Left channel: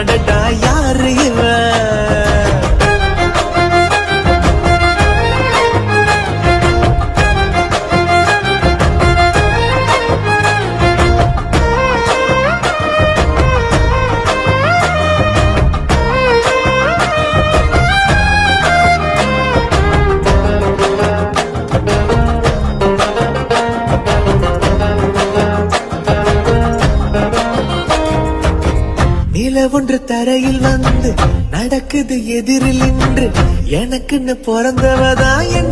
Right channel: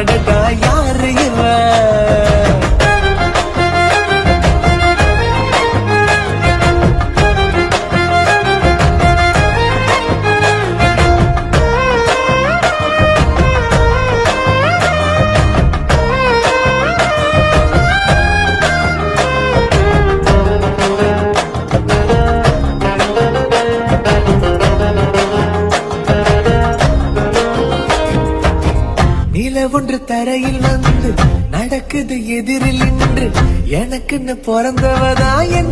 அடடா யாரு இவன்? நில ஒன்று தரையில் வந்து நடக்குது எதிரில் நின்று எனக்குன்னு பிறந்தவதா என்